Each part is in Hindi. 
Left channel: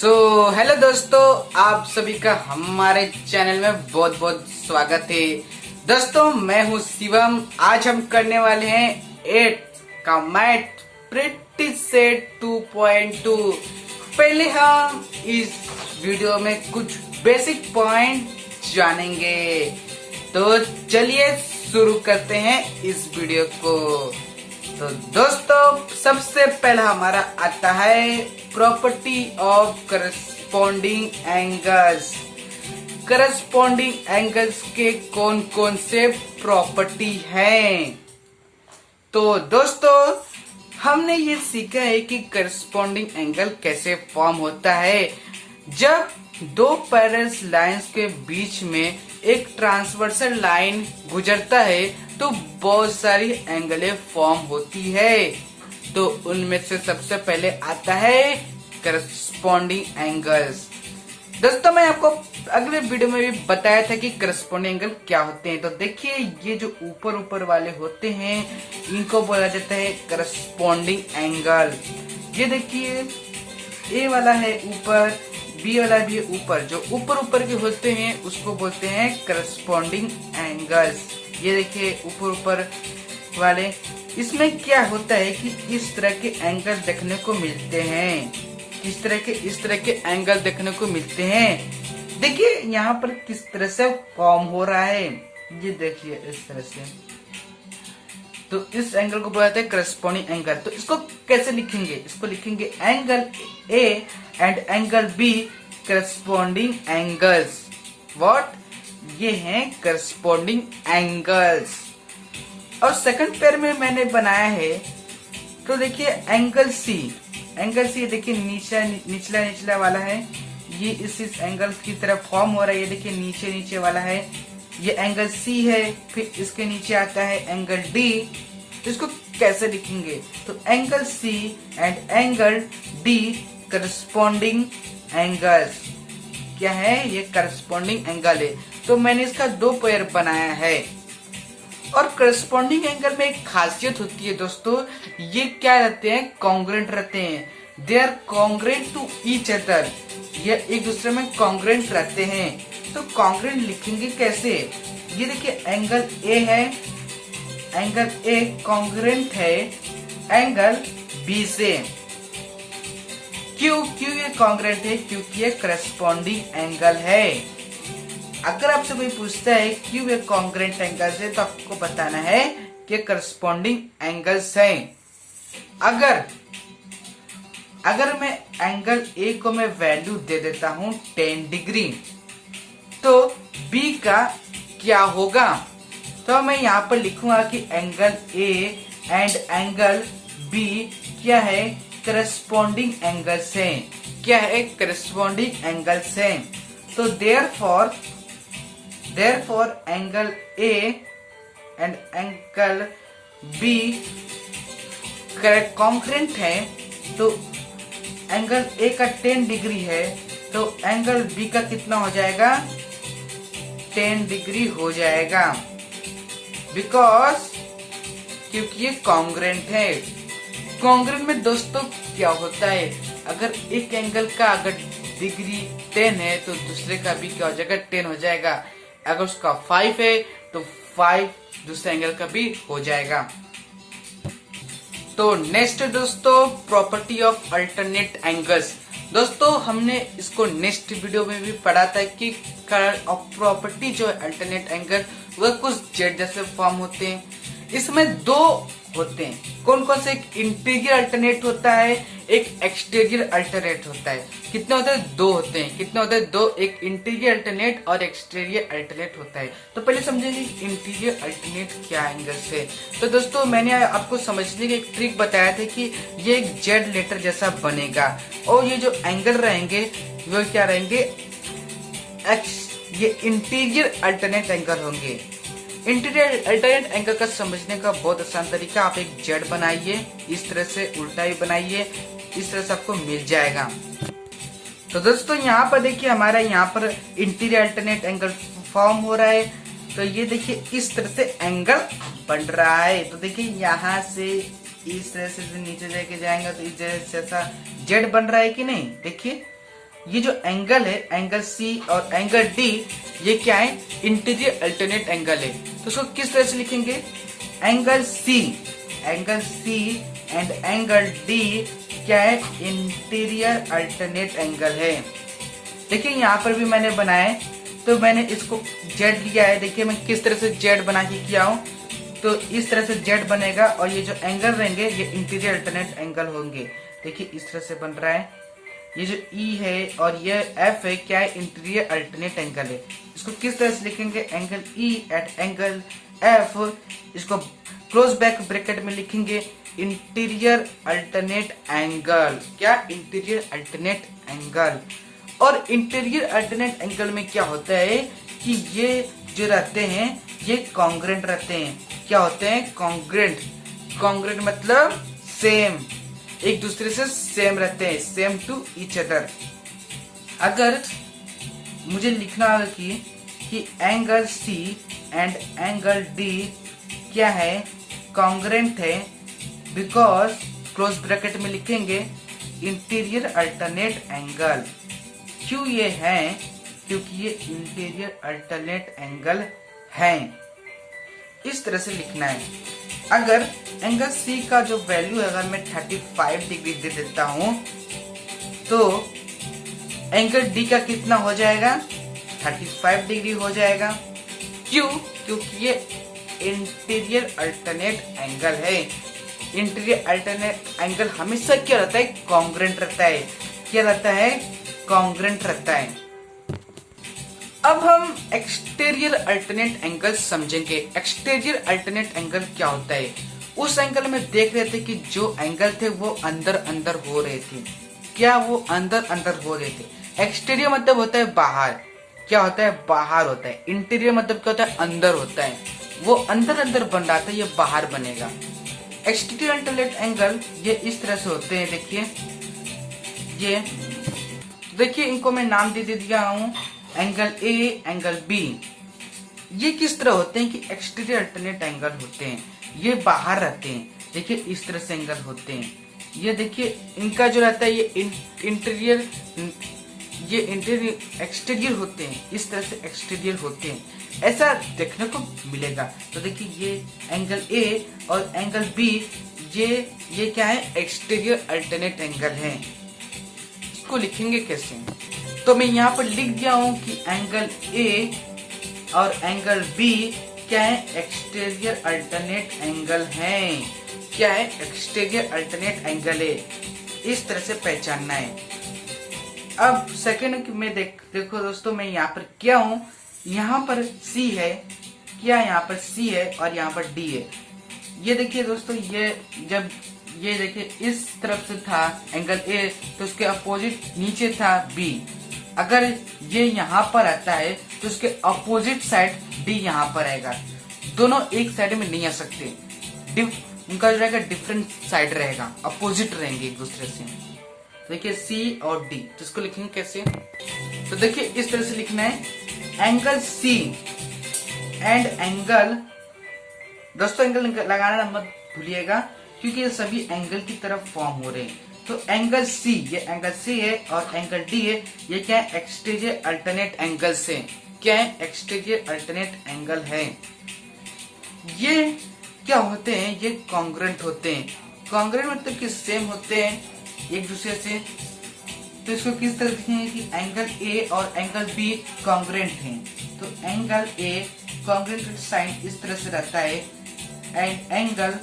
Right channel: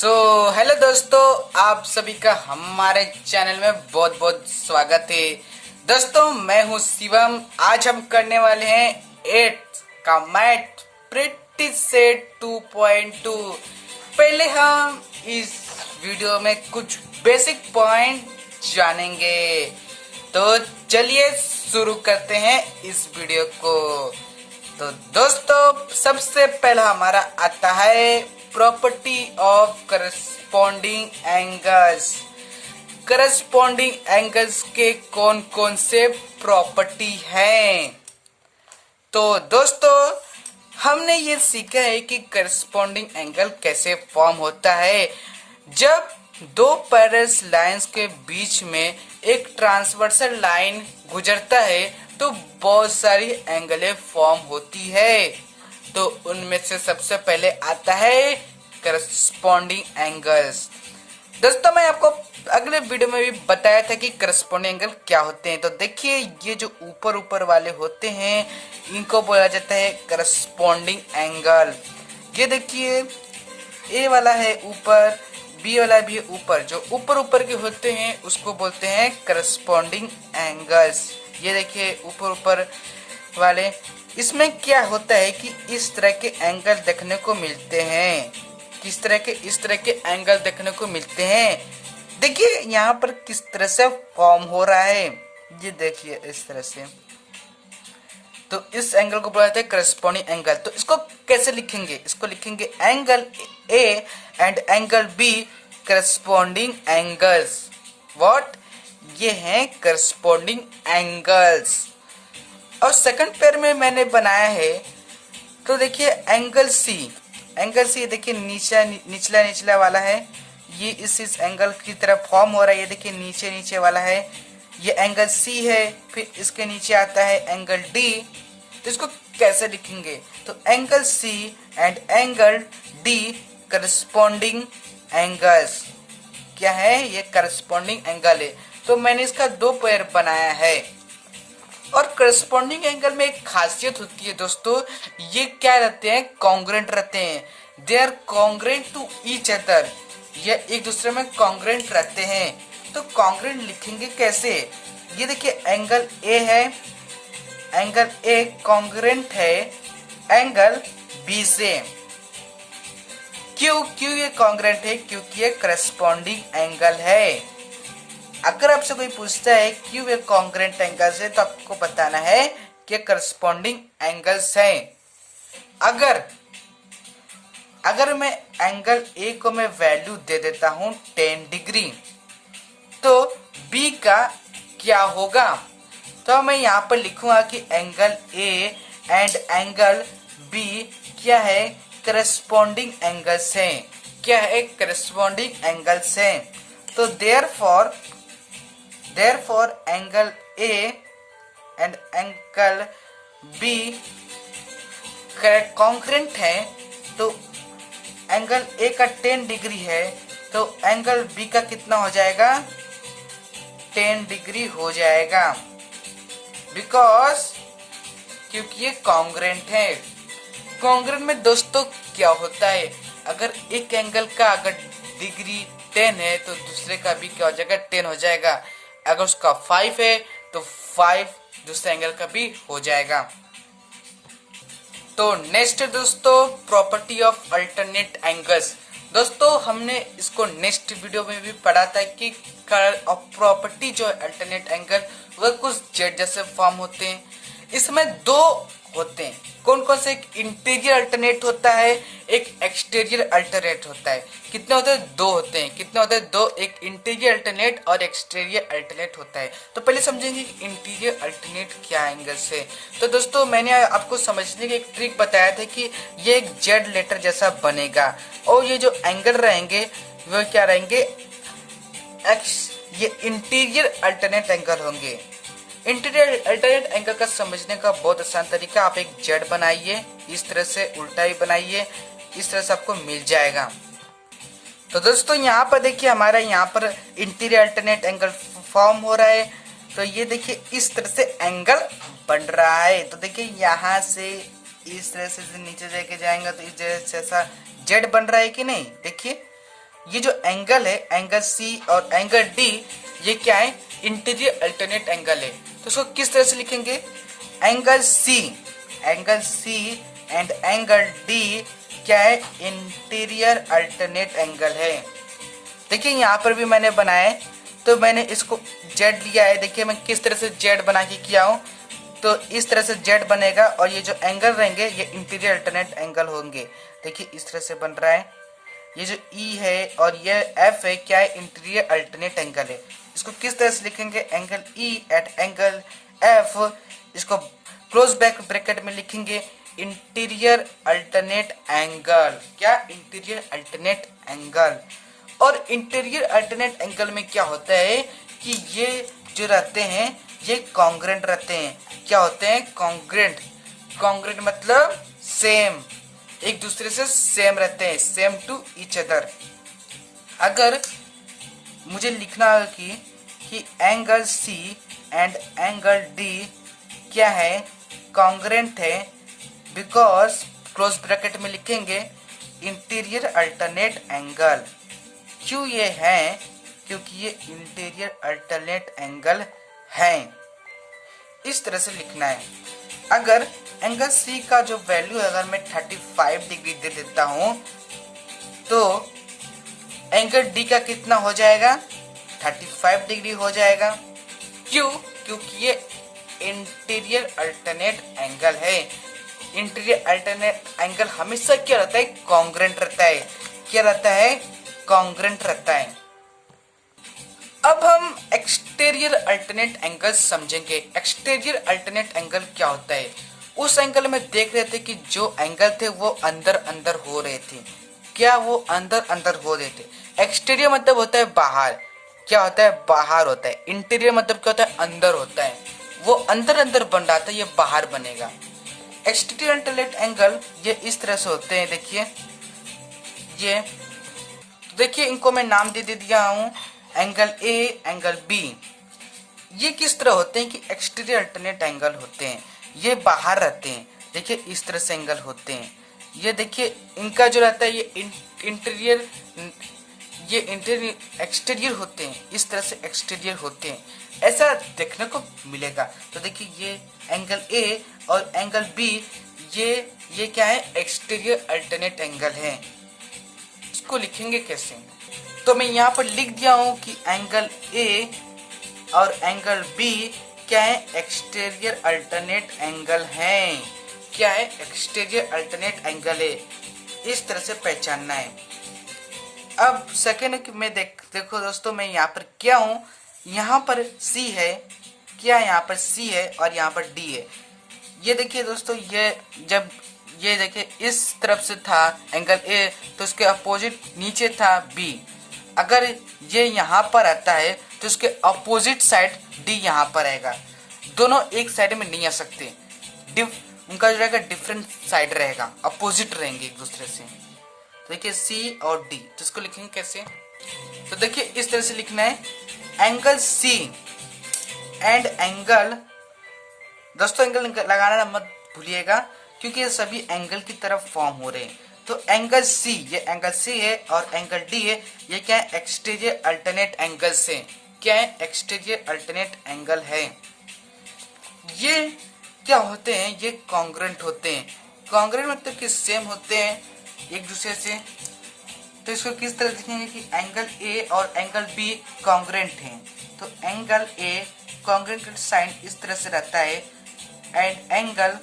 हेलो दोस्तों, आप सभी का हमारे चैनल में बहुत बहुत स्वागत है। दोस्तों, मैं हूं शिवम। आज हम करने वाले हैं 8 का मैथ प्रिटी सेट 2.2। पहले हम इस वीडियो में कुछ बेसिक पॉइंट जानेंगे, तो चलिए शुरू करते हैं इस वीडियो को। तो दोस्तों, सबसे पहला हमारा आता है property of corresponding angles. Corresponding angles के कौन कौन से प्रॉपर्टी हैं? तो दोस्तों, हमने ये सीखा है कि करस्पॉन्डिंग एंगल कैसे फॉर्म होता है। जब दो पैरेलल लाइंस के बीच में एक ट्रांसवर्सल लाइन गुजरता है तो बहुत सारी एंगलें फॉर्म होती है। तो उनमें से सबसे पहले आता है करस्पॉन्डिंग एंगल्स। दोस्तों, मैं आपको अगले वीडियो में भी बताया था कि करस्पॉन्डिंग एंगल क्या होते हैं। तो देखिए, ये जो ऊपर ऊपर वाले होते हैं इनको बोला जाता है करस्पॉन्डिंग एंगल। ये देखिए, ए वाला है ऊपर, बी वाला भी है ऊपर। जो ऊपर ऊपर के होते हैं उसको बोलते हैं करस्पॉन्डिंग एंगल्स। ये देखिए ऊपर ऊपर वाले, इसमें क्या होता है कि इस तरह के एंगल देखने को मिलते हैं। किस तरह के? इस तरह के एंगल देखने को मिलते हैं। देखिए यहाँ पर किस तरह से फॉर्म हो रहा है, ये देखिए इस तरह से। तो इस एंगल को बोला जाता है करस्पॉन्डिंग एंगल। तो इसको कैसे लिखेंगे? इसको लिखेंगे angle A and angle B corresponding angles. What? ये हैं करस्पॉन्डिंग एंगल्स। और सेकंड पेयर में मैंने बनाया है, तो देखिए एंगल सी। एंगल सी देखिए निचला निचला वाला है, ये इस एंगल की तरफ फॉर्म हो रहा है। ये देखिए नीचे नीचे वाला है, ये एंगल सी है। फिर इसके नीचे आता है एंगल डी। तो इसको कैसे लिखेंगे? तो angle C and angle D corresponding angles. क्या है? ये करस्पॉन्डिंग एंगल है। तो मैंने इसका दो पेयर बनाया है। और करस्पॉन्डिंग एंगल में एक खासियत होती है दोस्तों, ये क्या रहते हैं? कॉन्ग्रुएंट रहते हैं। They are congruent to each other. ये एक दूसरे में कॉन्ग्रुएंट रहते हैं। तो कॉन्ग्रुएंट लिखेंगे कैसे? ये देखिए एंगल ए है, एंगल ए कॉन्ग्रुएंट है एंगल बी से। क्यों ये कॉन्ग्रुएंट है? क्योंकि ये करस्पॉन्डिंग एंगल है। अगर आपसे कोई पूछता है क्यों ये कॉन्ग्रुएंट एंगल्स है, तो आपको बताना है कि करस्पॉन्डिंग एंगल्स हैं। अगर मैं एंगल ए को मैं वैल्यू दे देता हूं 10 डिग्री, तो बी का क्या होगा? तो मैं यहाँ पर लिखूंगा कि angle A and angle B क्या है? करस्पॉन्डिंग एंगल्स हैं। क्या है? करस्पॉन्डिंग एंगल्स हैं। तो therefore angle A and angle B congruent है। तो एंगल A का 10 डिग्री है, तो एंगल B का कितना हो जाएगा? 10 डिग्री हो जाएगा। क्योंकि ये कॉन्ग्रुएंट है। कॉन्ग्रुएंट में दोस्तों क्या होता है, अगर एक एंगल का अगर डिग्री 10 है तो दूसरे का भी क्या हो जाएगा? 10 हो जाएगा। अगर उसका 5 है तो 5 दूसरे एंगल का भी हो जाएगा। तो नेक्स्ट दोस्तों, प्रॉपर्टी ऑफ अल्टरनेट एंगल्स। दोस्तों, हमने इसको नेक्स्ट वीडियो में भी पढ़ा था कि प्रॉपर्टी जो अल्टरनेट एंगल वह कुछ जेड जैसे फॉर्म होते हैं। इसमें दो होते हैं। कौन कौन से? एक इंटीरियर अल्टरनेट होता है, एक एक्सटीरियर अल्टरनेट होता है। कितने होते हैं? दो होते हैं। कितने होते हैं? दो। एक इंटीरियर अल्टरनेट और एक्सटीरियर अल्टरनेट होता है। तो पहले समझेंगे इंटीरियर अल्टरनेट क्या एंगल से। तो दोस्तों, मैंने आपको समझने की एक ट्रिक बताया था कि ये एक जेड लेटर जैसा बनेगा और ये जो एंगल रहेंगे वो क्या रहेंगे? ये इंटीरियर अल्टरनेट एंगल होंगे। इंटीरियर अल्टरनेट एंगल का समझने का बहुत आसान तरीका, आप एक जेड बनाइए, इस तरह से उल्टा ही बनाइए, इस तरह से आपको मिल जाएगा। तो दोस्तों, यहाँ पर देखिए हमारा यहाँ पर इंटीरियर अल्टरनेट एंगल फॉर्म हो रहा है। तो ये देखिए इस तरह से एंगल बन रहा है। तो देखिए यहाँ से इस तरह से नीचे लेके जाएंगे तो इस तरह से ऐसा जेड बन रहा है कि नहीं? देखिए ये जो एंगल है, एंगल सी और एंगल डी, ये क्या है, इंटीरियर अल्टरनेट एंगल है। तो इसको किस तरह से लिखेंगे, angle C and angle D क्या है, इंटीरियर अल्टरनेट एंगल है। देखिए यहाँ पर भी मैंने बनाया है, तो मैंने इसको जेड लिया है। देखिए मैं किस तरह से जेड बना के किया हूँ, तो इस तरह से जेड बनेगा और ये जो एंगल रहेंगे ये इंटीरियर अल्टरनेट एंगल होंगे। देखिए इस तरह से बन रहा है। ये जो ई है और ये एफ है, क्या है, इंटीरियर अल्टरनेट एंगल है। इसको किस तरह से लिखेंगे, angle E at angle F, इसको क्लोज बैक ब्रैकेट में लिखेंगे इंटीरियर अल्टरनेट एंगल। क्या, इंटीरियर अल्टरनेट एंगल। और इंटीरियर अल्टरनेट एंगल में क्या होता है कि ये जो रहते हैं ये कॉन्ग्रेंट रहते हैं। क्या होते हैं, कॉन्ग्रेंट मतलब सेम, एक दूसरे से सेम रहते हैं, सेम टू ईच अदर। अगर मुझे लिखना होगा कि angle C and angle D क्या है, कॉन्ग्रेंट है, बिकॉज क्लोज ब्रैकेट में लिखेंगे इंटीरियर अल्टरनेट एंगल। क्यों ये है, क्योंकि ये इंटीरियर अल्टरनेट एंगल है। इस तरह से लिखना है। अगर एंगल सी का जो वैल्यू है, अगर मैं 35 डिग्री दे देता हूं, तो एंगल डी का कितना हो जाएगा, 35 डिग्री हो जाएगा। क्यों, क्योंकि ये इंटीरियर अल्टरनेट एंगल है। इंटीरियर अल्टरनेट एंगल हमेशा क्या रहता है, कॉन्ग्रेंट रहता है। क्या रहता है, कॉन्ग्रेंट रहता है। अब हम एक्सटीरियर अल्टरनेट एंगल समझेंगे। एक्सटीरियर अल्टरनेट एंगल क्या होता है। उस एंगल में देख रहे थे कि जो एंगल थे वो अंदर अंदर हो रहे थे। क्या, वो अंदर अंदर हो रहे थे। एक्सटीरियर मतलब होता है बाहर, क्या होता है, बाहर होता है। इंटीरियर मतलब क्या होता है, अंदर होता है। वो अंदर अंदर बन रहा था, ये बाहर बनेगा। एक्सटीरियर अल्टरनेट एंगल ये इस तरह से होते हैं। देखिए ये, देखिए इनको मैं नाम दे दिया हूँ एंगल ए, एंगल बी। ये किस तरह होते हैं कि एक्सटीरियर अल्टरनेट एंगल होते हैं, ये बाहर रहते हैं। देखिए इस तरह से एंगल होते हैं। ये देखिए इनका जो रहता है ये इंटीरियर, ये इंटीरियर एक्सटीरियर होते हैं। इस तरह से एक्सटीरियर होते हैं, ऐसा देखने को मिलेगा। तो देखिए ये एंगल ए और एंगल बी, ये क्या है, एक्सटीरियर अल्टरनेट एंगल है। इसको लिखेंगे कैसे, तो मैं यहाँ पर लिख दिया हूं कि एंगल ए और एंगल बी क्या है, एक्सटीरियर अल्टरनेट एंगल है। क्या है, एक्सटीरियर अल्टरनेट एंगल है। इस तरह से पहचानना है। अब सेकंड में देखो दोस्तों, मैं यहाँ पर क्या हूँ, यहाँ पर सी है, क्या यहाँ पर सी है और यहाँ पर डी है। ये देखिए दोस्तों, ये जब ये देखिए इस तरफ से था एंगल ए, तो उसके अपोजिट नीचे था बी। अगर ये यहाँ पर आता है तो उसके अपोजिट साइड डी यहाँ पर आएगा। दोनों एक साइड में नहीं आ सकते, उनका जो रहेगा डिफरेंट साइड रहेगा, अपोजिट रहेंगे एक दूसरे से। देखिए सी और डी, तो इसको लिखेंगे कैसे, तो देखिए इस तरह से लिखना है, एंगल सी एंड एंगल, दोस्तों एंगल लगाना मत भूलिएगा क्योंकि ये सभी एंगल की तरफ फॉर्म हो रहे हैं। तो एंगल सी, ये एंगल सी है और एंगल डी है, ये क्या है, एक्सटीरियर अल्टरनेट एंगल से, क्या है, एक्सटीरियर अल्टरनेट एंगल है। ये क्या होते हैं, ये कॉन्ग्रुएंट होते हैं। कॉन्ग्रुएंट मतलब कि सेम होते हैं एक दूसरे से। तो इसको किस तरह लिखेंगे कि एंगल ए और एंगल बी कॉन्ग्रुएंट हैं। तो एंगल ए कॉन्ग्रुएंट साइन इस तरह से रहता है एंड एंगल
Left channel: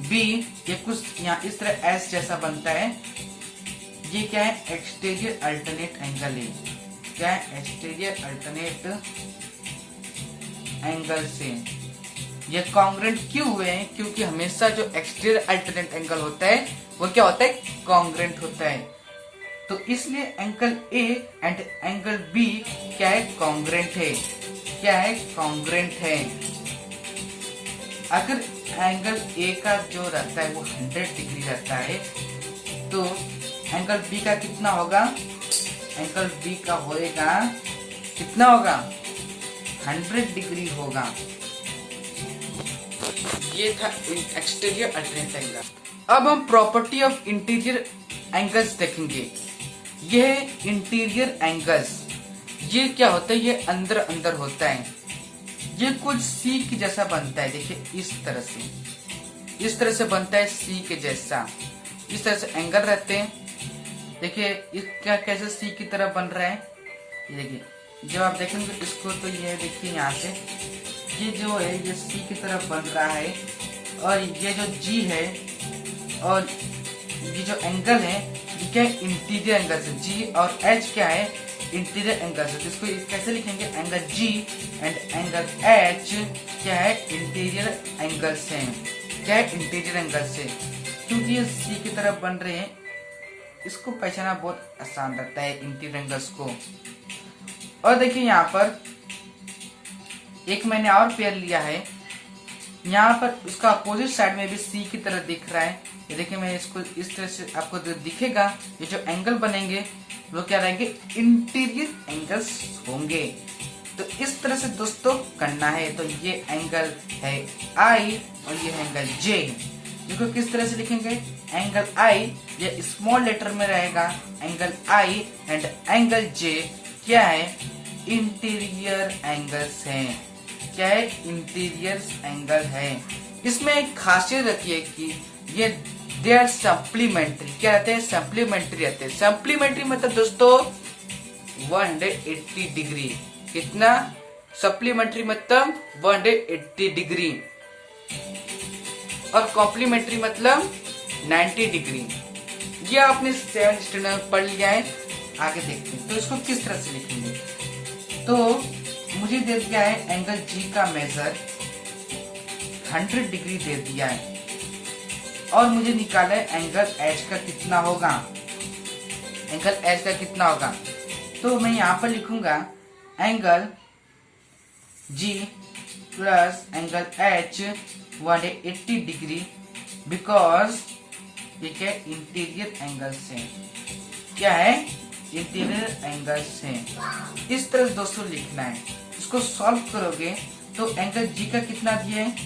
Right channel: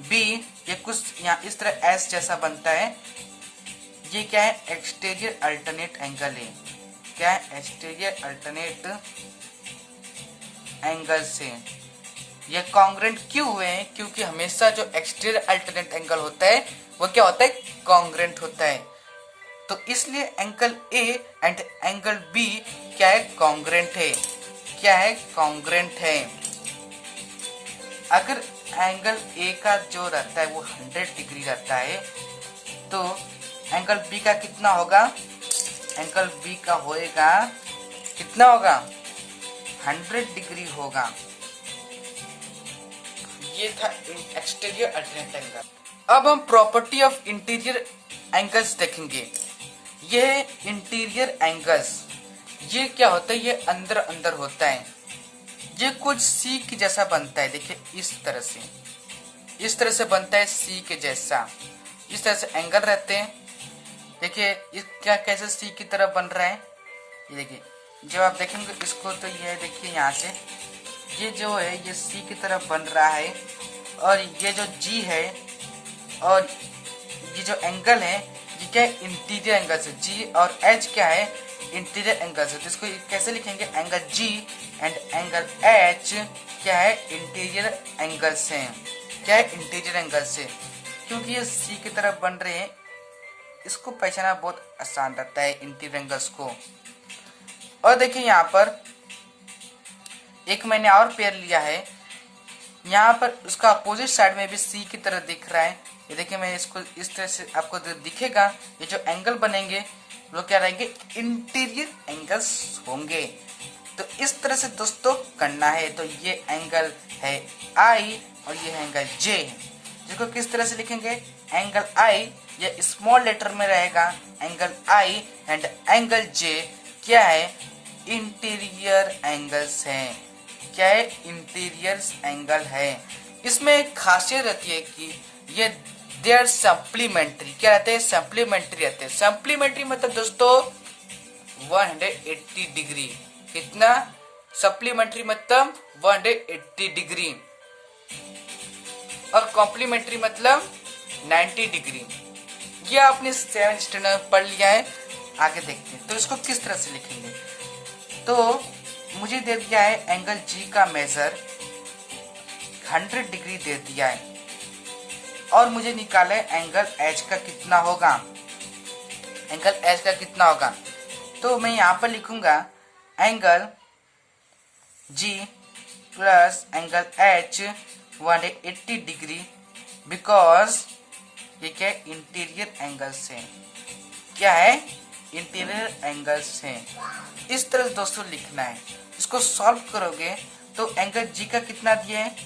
बी ये कुछ यहाँ इस तरह एस जैसा बनता है। ये क्या है, एक्सटीरियर अल्टरनेट एंगल है। क्या है, एक्सटीरियर अल्टरनेट एंगल से। ये कॉन्ग्रुएंट क्यों हुए हैं, क्योंकि हमेशा जो एक्सटीरियर अल्टरनेट एंगल होता है वो क्या होता है, कॉन्ग्रुएंट होता है। तो इसलिए angle A and angle B क्या है, कॉन्ग्रुएंट है। क्या है, कॉन्ग्रुएंट है। अगर एंगल ए का जो रहता है वो 100 डिग्री रहता है, तो एंगल बी का कितना होगा, एंगल बी का होएगा कितना होगा, 100 डिग्री होगा। ये था एक्सटीरियर अल्टरनेट एंगल। अब हम प्रॉपर्टी ऑफ इंटीरियर एंगल्स देखेंगे। ये इंटीरियर एंगल्स, ये क्या होता है, ये अंदर अंदर होता है, ये कुछ सी के जैसा बनता है। देखिए इस तरह से बनता है सी के जैसा, इस तरह से एंगल रहते हैं। देखिए ये क्या कैसे सी की तरह बन रहा है, ये देखिए जब आप देखेंगे इसको तो ये देखिए यहाँ से ये जो है ये सी की तरह बन रहा है, और ये जो जी है और ये जो एंगल है ये क्या है, इंटीरियर एंगल से। जी और एच क्या है, इंटीरियर एंगल से। तो इसको कैसे लिखेंगे, angle G and angle H क्या है, इंटीरियर एंगल से। क्या है, इंटीरियर एंगल से, क्योंकि ये सी की तरफ बन रहे हैं, इसको पहचानना बहुत आसान रहता है इंटीरियर एंगल्स को। और देखिए यहाँ पर एक मैंने और पेयर लिया है, यहाँ पर उसका अपोजिट साइड में भी सी की तरह दिख रहा है। ये देखिए मैं इसको इस तरह से आपको दिखेगा, ये जो एंगल बनेंगे वो क्या रहेंगे, इंटीरियर एंगल्स होंगे। तो इस तरह से दोस्तों करना है। तो ये एंगल है आई और ये एंगल जे, जिसको किस तरह से लिखेंगे, एंगल आई ये स्मॉल लेटर में रहेगा, एंगल आई एंड एंगल जे क्या है, इंटीरियर एंगल्स हैं। क्या है, इंटीरियर एंगल है। इसमें एक खासियत रहती है कि ये देयर सप्लीमेंट्री, क्या रहते हैं, सप्लीमेंट्री रहते हैं। सप्लीमेंट्री मतलब दोस्तों 180 डिग्री, कितना, सप्लीमेंट्री मतलब 180 डिग्री, और कॉम्प्लीमेंट्री मतलब 90 डिग्री। ये आपने 7th स्टैंडर्ड में पढ़ लिया है। आगे देखते हैं तो इसको किस तरह से लिखेंगे। तो मुझे दे दिया है एंगल जी का मेजर 100 डिग्री दे दिया है, और मुझे निकाला है एंगल एच का कितना होगा, एंगल एच का कितना होगा। तो मैं यहाँ पर लिखूंगा angle G plus angle H 180 degree, because ये क्या है, इंटीरियर एंगल्स है। क्या है, इंटीरियर एंगल्स है। इस तरह दोस्तों लिखना है। इसको सॉल्व करोगे तो एंगल जी का कितना दिया है,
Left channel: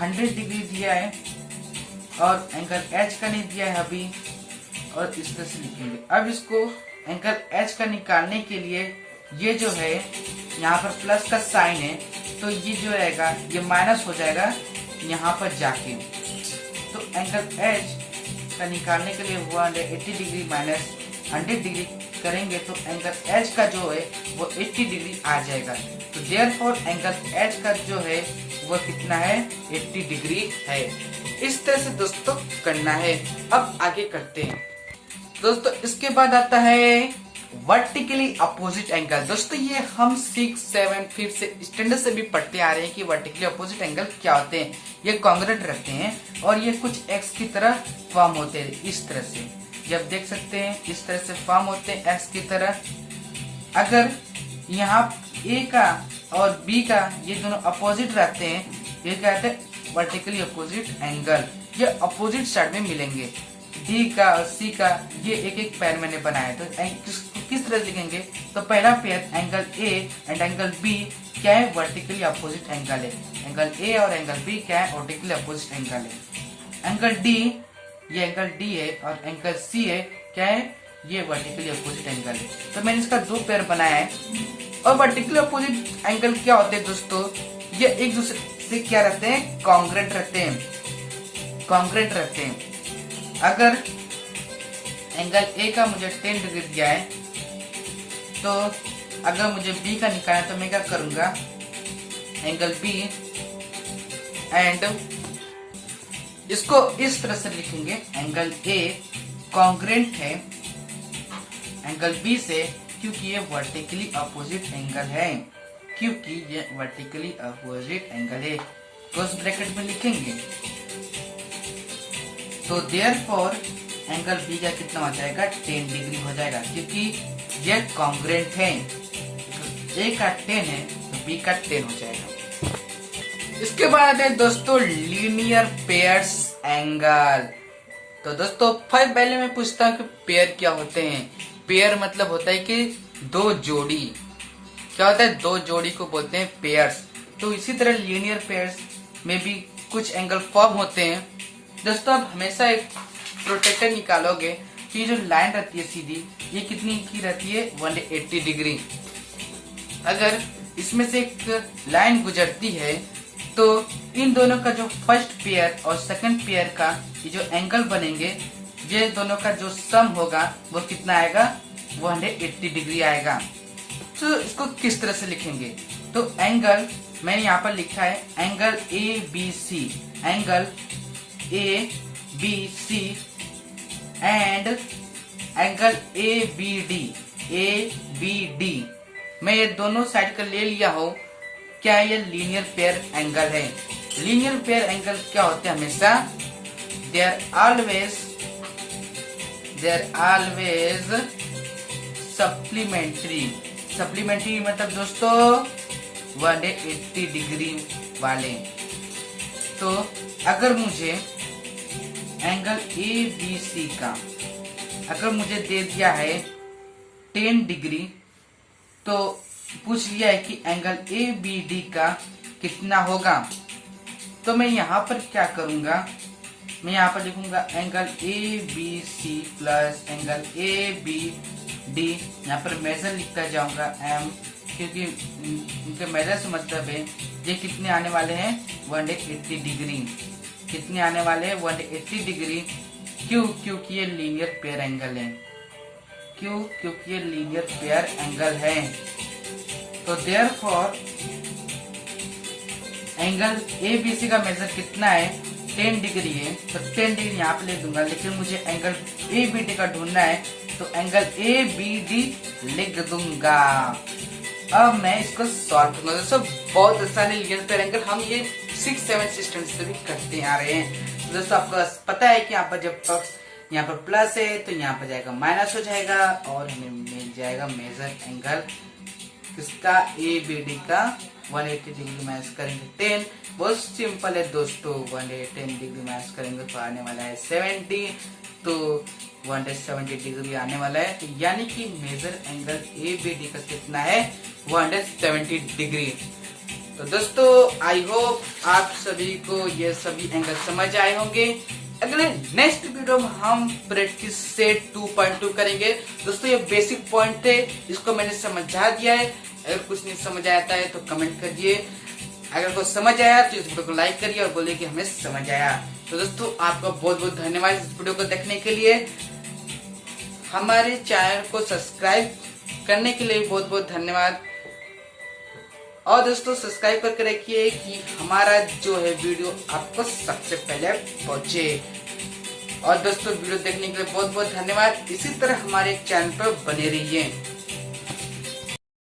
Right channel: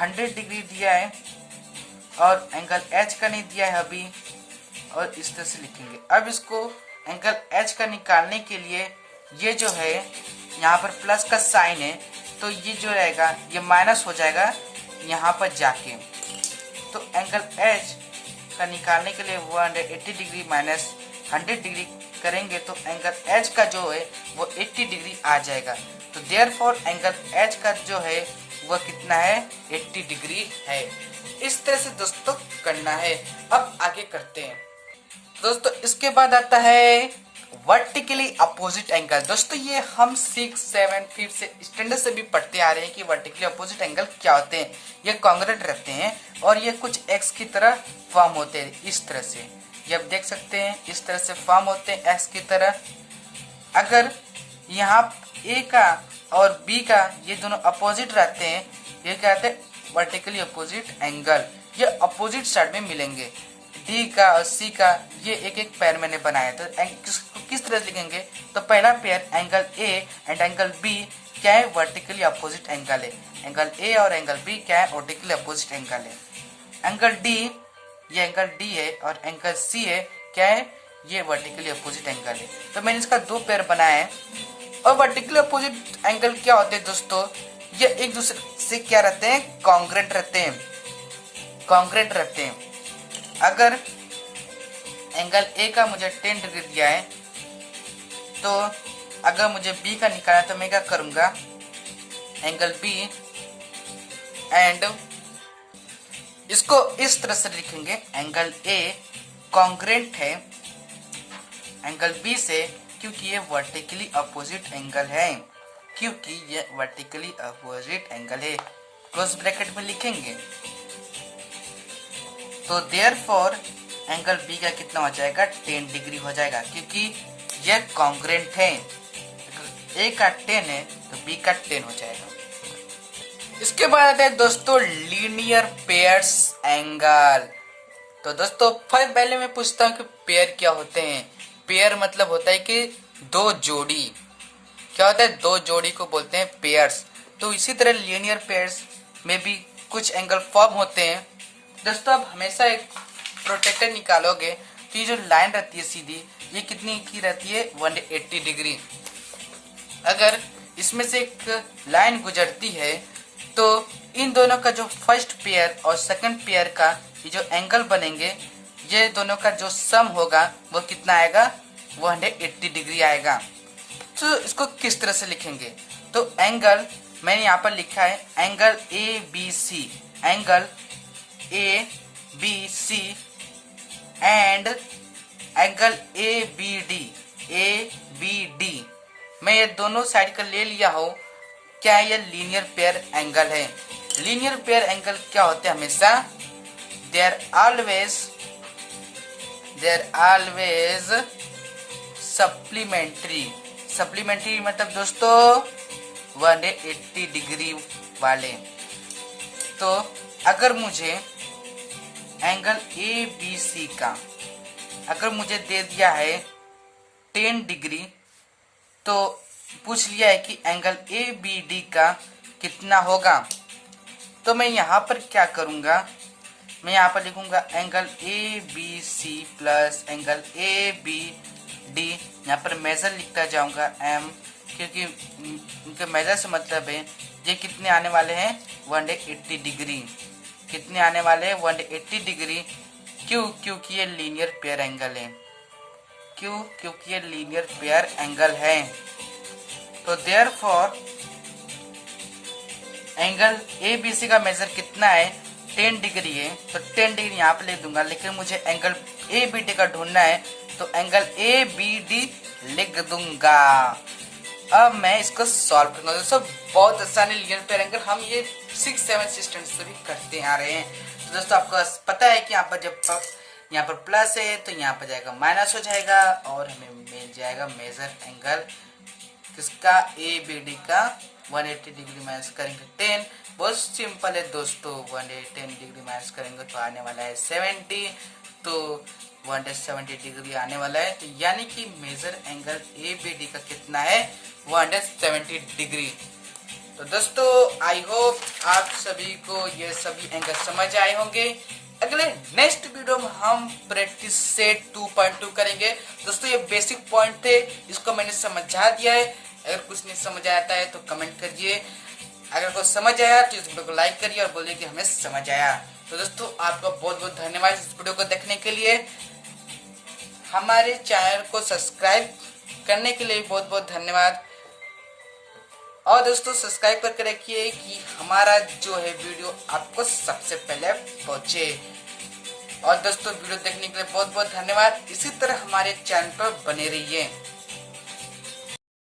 100 डिग्री दिया है, और एंगल एच का नहीं दिया है अभी, और इस तरह से लिखेंगे। अब इसको एंगल एच का निकालने के लिए ये जो है यहाँ पर प्लस का साइन है, तो ये जो रहेगा ये माइनस हो जाएगा यहाँ पर जाके। तो एंगल एच का निकालने के लिए 180 डिग्री माइनस 100 डिग्री करेंगे तो एंगल एच का जो है वो 80 डिग्री आ जाएगा। तो देयरफॉर एंगल एच का जो है वो कितना है, 80 डिग्री है। इस तरह से दोस्तों करना है। अब आगे करते हैं दोस्तों। इसके बाद आता है वर्टिकली अपोजिट एंगल। दोस्तों ये हम 6, 7 फिर से स्टैंडर्ड से भी पढ़ते आ रहे हैं कि वर्टिकली अपोजिट एंगल क्या होते हैं। ये कॉन्ग्रुएंट रहते हैं और ये कुछ एक्स की तरह फॉर्म होते हैं। इस तरह से ये आप देख सकते हैं, इस तरह से फॉर्म होते हैं एक्स की तरह। अगर यहाँ ए का और बी का ये दोनों अपोजिट रहते हैं, ये क्या कहते हैं, वर्टिकली अपोजिट एंगल। ये अपोजिट साइड में मिलेंगे। डी का और सी का ये एक एक पेयर मैंने बनाया। तो किस तरह से लिखेंगे, तो पहला pair angle A and angle B क्या है, वर्टिकली अपोजिट एंगल है। एंगल ए और एंगल बी क्या है, वर्टिकली अपोजिट एंगल है। एंगल डी, ये एंगल डी है, और एंगल सी है क्या है, ये वर्टिकली अपोजिट एंगल है। तो मैंने इसका दो पेयर बनाया है। और वर्टिकली अपोजिट एंगल क्या होते हैं दोस्तों, ये एक दूसरे से क्या रहते हैं, कॉन्ग्रुएंट रहते हैं, कॉन्ग्रुएंट रहते हैं। अगर एंगल ए का मुझे 10 डिग्री दिया है, तो अगर मुझे बी का निकालना है तो मैं क्या करूंगा, एंगल बी एंड इसको इस तरह से लिखेंगे, एंगल ए कॉन्ग्रुएंट है एंगल बी से, क्योंकि ये वर्टिकली अपोजिट एंगल है, क्योंकि ये वर्टिकली अपोजिट एंगल है। क्लोज ब्रैकेट में लिखेंगे। तो देयरफॉर एंगल बी का कितना हो जाएगा, 10 डिग्री हो जाएगा, क्योंकि ये कॉन्ग्रुएंट है। ए का 10 है तो बी का 10 हो जाएगा। इसके बाद आता है दोस्तों लीनियर पेयर्स एंगल। तो दोस्तों पहले मैं पूछता हूँ कि पेयर क्या होते हैं। पेयर मतलब होता है कि दो जोड़ी, क्या होता है, दो जोड़ी को बोलते हैं पेयर्स। तो इसी तरह लीनियर पेयर्स में भी कुछ एंगल फॉर्म होते हैं। दोस्तों आप हमेशा एक प्रोटेक्टर निकालोगे कि जो लाइन रहती है सीधी, ये कितनी की रहती है, 180 डिग्री। अगर इसमें से एक लाइन गुजरती है तो इन दोनों का जो फर्स्ट पेयर और सेकंड पेयर का ये जो एंगल बनेंगे, ये दोनों का जो सम होगा वो कितना आएगा, 180 डिग्री आएगा। तो इसको किस तरह से लिखेंगे, तो एंगल मैंने यहाँ पर लिखा है angle ABC, angle ABC and angle ABD। मैं ये दोनों साइड का ले लिया हो, क्या ये लीनियर पेयर एंगल है। लीनियर पेयर एंगल क्या होते हैं, हमेशा they are always supplementary. Supplementary मतलब दोस्तों 180 डिग्री वाले। तो अगर मुझे एंगल ABC का अगर मुझे दे दिया है 10 डिग्री, तो पूछ लिया है कि एंगल ABD का कितना होगा, तो मैं यहाँ पर क्या करूँगा, मैं यहाँ पर लिखूंगा angle ABC plus angle ABD। यहाँ पर मेजर लिखता जाऊंगा M, क्योंकि उनके मेजर से मतलब है ये कितने आने वाले हैं, 180 डिग्री। कितने आने वाले हैं, 180 डिग्री। क्यों, क्योंकि ये लीनियर पेयर एंगल है। क्यों, क्योंकि ये लीनियर पेयर एंगल है। तो देयरफॉर एंगल ABC का मेजर कितना है, 10 डिग्री है, तो 10 डिग्री यहाँ पे लिख दूंगा। लेकिन मुझे एंगल ABD का ढूंढना है, तो एंगल ABD लिख दूंगा। अब मैं इसको सॉल्व करूंगा। दोस्तों बहुत आसान है लीनियर पेयर एंगल, हम ये 6-7 स्टैंडर्ड से भी करते आ रहे हैं। तो दोस्तों आपको पता है कि यहाँ पर जब यहाँ पर प्लस है तो यहाँ पर जाएगा माइनस हो जाएगा, और हमें मिल जाएगा मेजर एंगल किसका, ABD का। 180 डिग्री माइनस करेंगे 10, बहुत सिंपल है दोस्तों। 110 डिग्री माइनस करेंगे तो आने वाला है 70, तो 170 डिग्री आने वाला है। तो यानी कि मेजर एंगल ABD का कितना है, 170 डिग्री। तो दोस्तों आई होप आप सभी को ये सभी एंगल समझ आए होंगे। अगले नेक्स्ट वीडियो में हम प्रैक्टिस सेट 2.2 करेंगे। दोस्तों ये बेसिक पॉइंट थे, इसको मैंने समझा दिया है। अगर कुछ नहीं समझ आता है तो कमेंट करिए, अगर कुछ समझ आया तो इस वीडियो को लाइक करिए और बोलिए कि हमें समझ आया। तो दोस्तों आपका बहुत बहुत धन्यवाद इस वीडियो को देखने के लिए। हमारे चैनल को सब्सक्राइब करने के लिए बहुत बहुत धन्यवाद। और दोस्तों सब्सक्राइब करके रखिए कि हमारा जो है वीडियो आपको सबसे पहले पहुंचे। और दोस्तों वीडियो देखने के लिए बहुत बहुत धन्यवाद। इसी तरह हमारे चैनल पर बने रहिए।